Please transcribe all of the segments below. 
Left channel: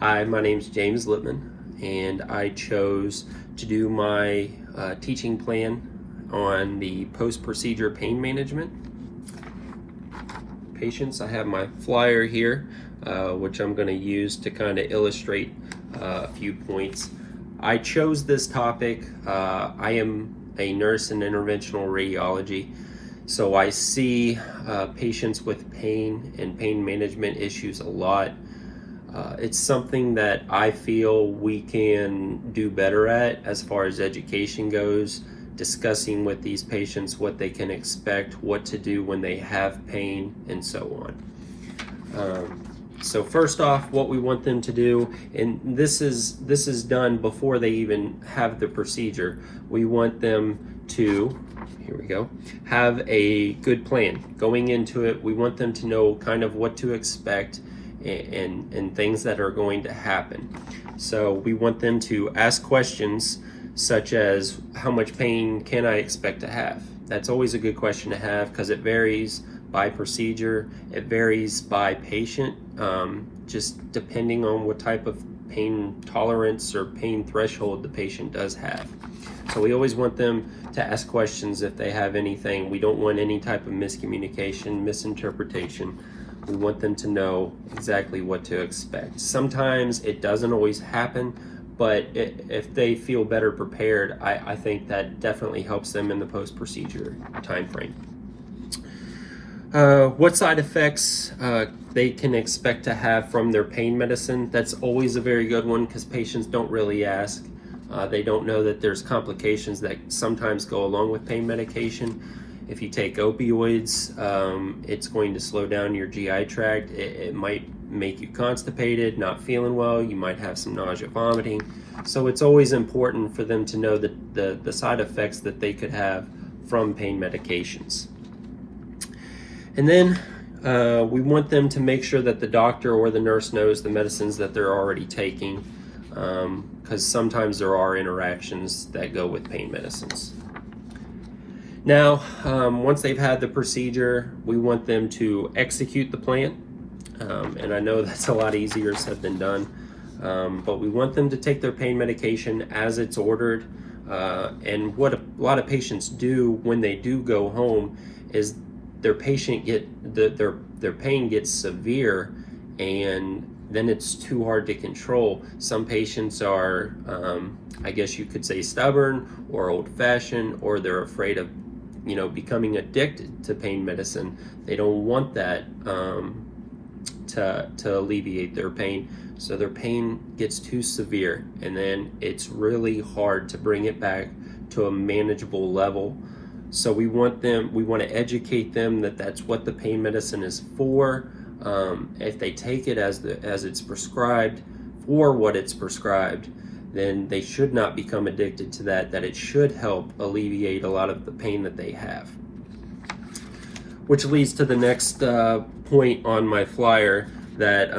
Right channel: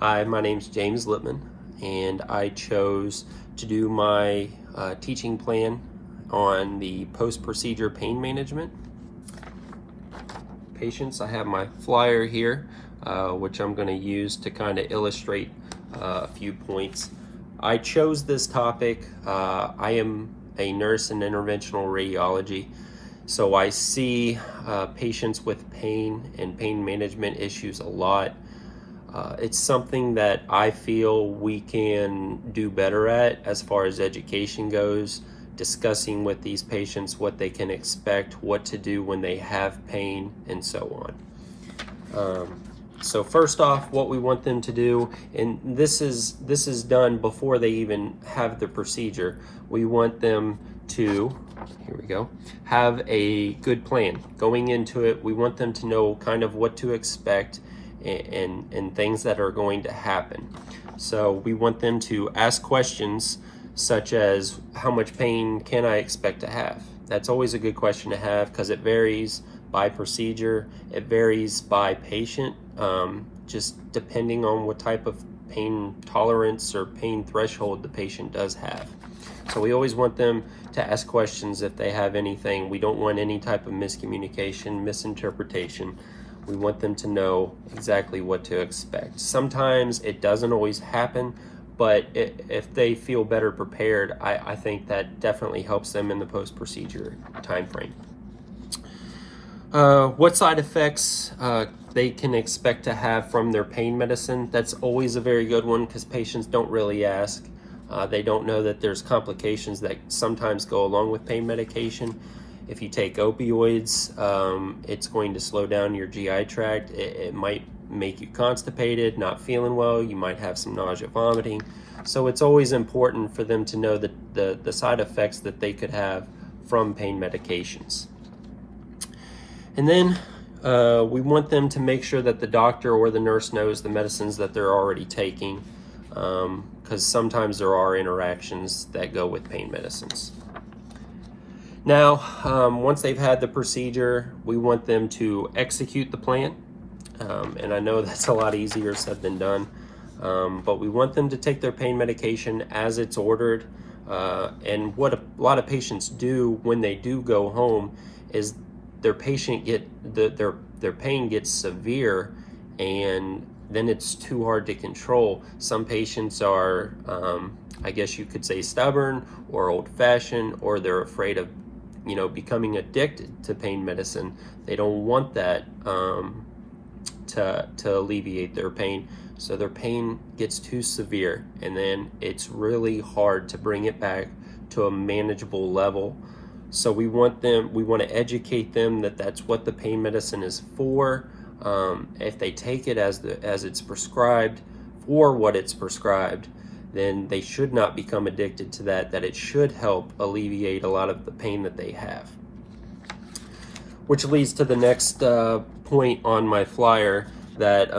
Hi, my name's James Lippman, and I chose to do my teaching plan on the post-procedure pain management patients. I have my flyer here, which I'm going to use to kind of illustrate a few points. I chose this topic. I am a nurse in interventional radiology, so I see patients with pain and pain management issues a lot. It's something that I feel we can do better at as far as education goes, discussing with these patients what they can expect, what to do when they have pain, and so on. So first off, what we want them to do, and this is done before they even have the procedure, we want them to, here we go, have a good plan. Going into it, we want them to know kind of what to expect and things that are going to happen. So we want them to ask questions such as, how much pain can I expect to have? That's always a good question to have because it varies by procedure, it varies by patient, just depending on what type of pain tolerance or pain threshold the patient does have. So we always want them to ask questions if they have anything. We don't want any type of miscommunication, misinterpretation. We want them to know exactly what to expect. Sometimes it doesn't always happen, but if they feel better prepared, I think that definitely helps them in the post-procedure time frame. What side effects they can expect to have from their pain medicine? That's always a very good one because patients don't really ask. They don't know that there's complications that sometimes go along with pain medication. If you take opioids, it's going to slow down your GI tract. It might make you constipated, not feeling well. You might have some nausea, vomiting. So it's always important for them to know the side effects that they could have from pain medications. And then we want them to make sure that the doctor or the nurse knows the medicines that they're already taking, because sometimes there are interactions that go with pain medicines. Now, once they've had the procedure, we want them to execute the plan. And I know that's a lot easier said than done, but we want them to take their pain medication as it's ordered. And what a lot of patients do when they do go home is their pain gets severe, and then it's too hard to control. Some patients are, I guess you could say, stubborn or old-fashioned, or they're afraid of becoming addicted to pain medicine. They don't want that to alleviate their pain. So their pain gets too severe, and then it's really hard to bring it back to a manageable level. So we want to educate them that that's what the pain medicine is for. If they take it as it's prescribed, for what it's prescribed, then they should not become addicted to that it should help alleviate a lot of the pain that they have. Which leads to the next point on my flyer, that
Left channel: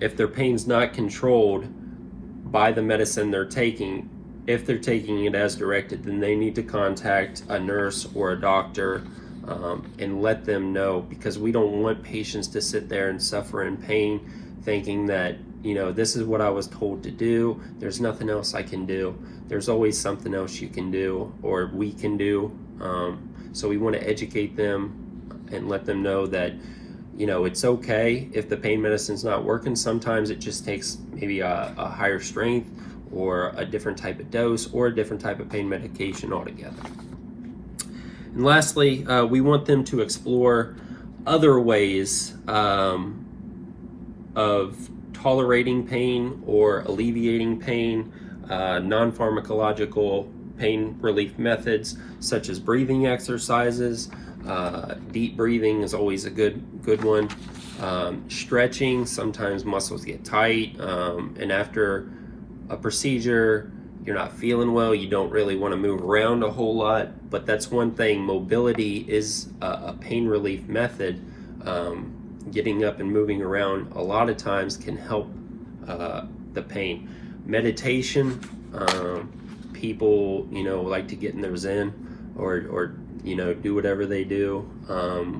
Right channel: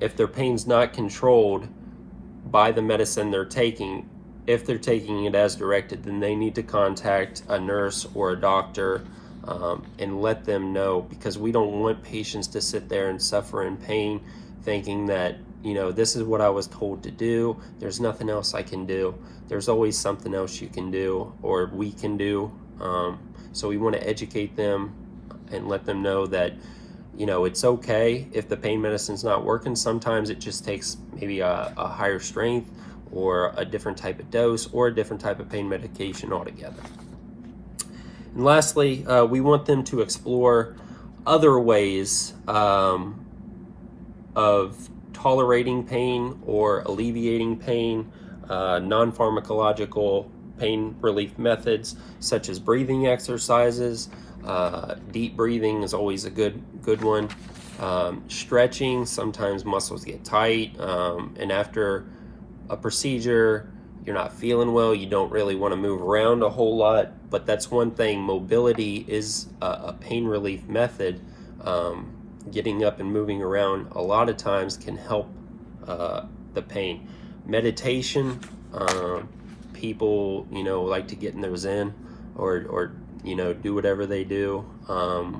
if their pain's not controlled by the medicine they're taking, if they're taking it as directed, then they need to contact a nurse or a doctor and let them know, because we don't want patients to sit there and suffer in pain thinking that, this is what I was told to do. There's nothing else I can do. There's always something else you can do, or we can do. So we want to educate them and let them know that, it's okay if the pain medicine's not working. Sometimes it just takes maybe a higher strength or a different type of dose or a different type of pain medication altogether. And lastly, we want them to explore other ways of tolerating pain or alleviating pain, non-pharmacological pain relief methods such as breathing exercises. Deep breathing is always a good one. Stretching, sometimes muscles get tight, and after a procedure, you're not feeling well, you don't really want to move around a whole lot, but that's one thing. Mobility is a pain relief method. Getting up and moving around a lot of times can help the pain. Meditation, people like to get in their zen or do whatever they do,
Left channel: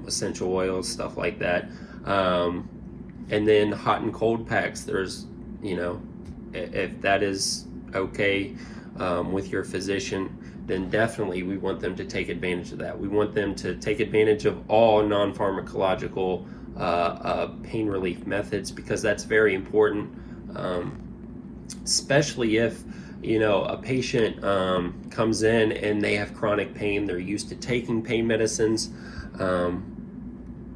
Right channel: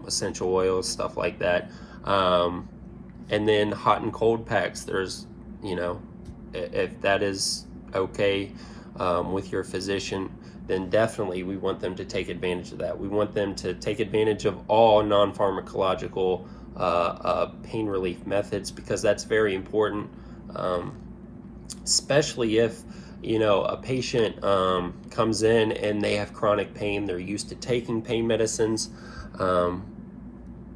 essential oils, stuff like that. And then hot and cold packs. There's you know, if that is okay with your physician, then definitely we want them to take advantage of that. We want them to take advantage of all non-pharmacological pain relief methods, because that's very important, especially if, you know, a patient comes in and they have chronic pain. They're used to taking pain medicines,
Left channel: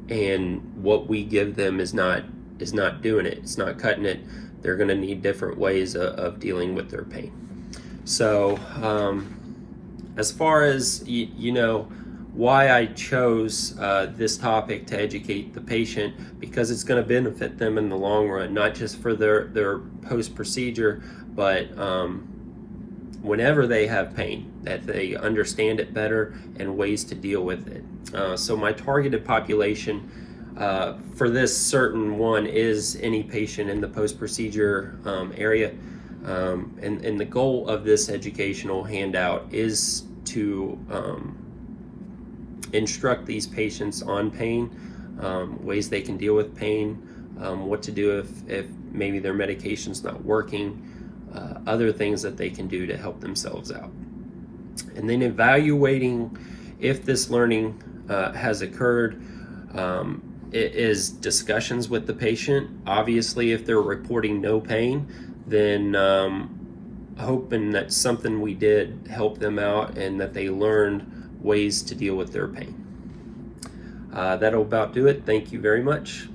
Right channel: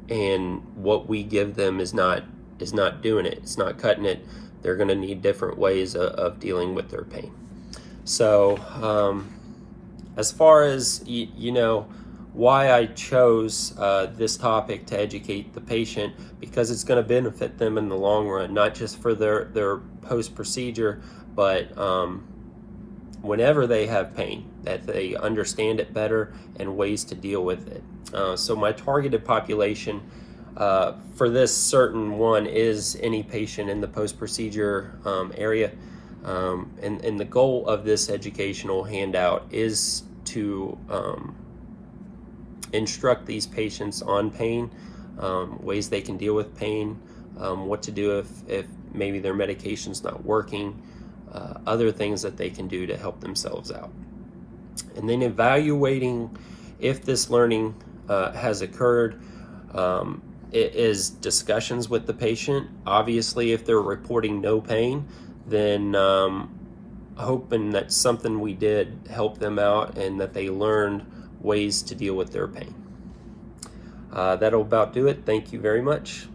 and what we give them is not doing it. It's not cutting it. They're going to need different ways of dealing with their pain. So as far as you know, why I chose this topic to educate the patient, because it's going to benefit them in the long run, not just for their post-procedure, but whenever they have pain, that they understand it better and ways to deal with it. So my targeted population for this certain one is any patient in the post-procedure area. And the goal of this educational handout is to instruct these patients on pain, ways they can deal with pain, what to do if maybe their medication's not working, other things that they can do to help themselves out. And then evaluating if this learning has occurred. It is discussions with the patient. Obviously, if they're reporting no pain, then hoping that something we did helped them out and that they learned ways to deal with their pain. That'll about do it. Thank you very much.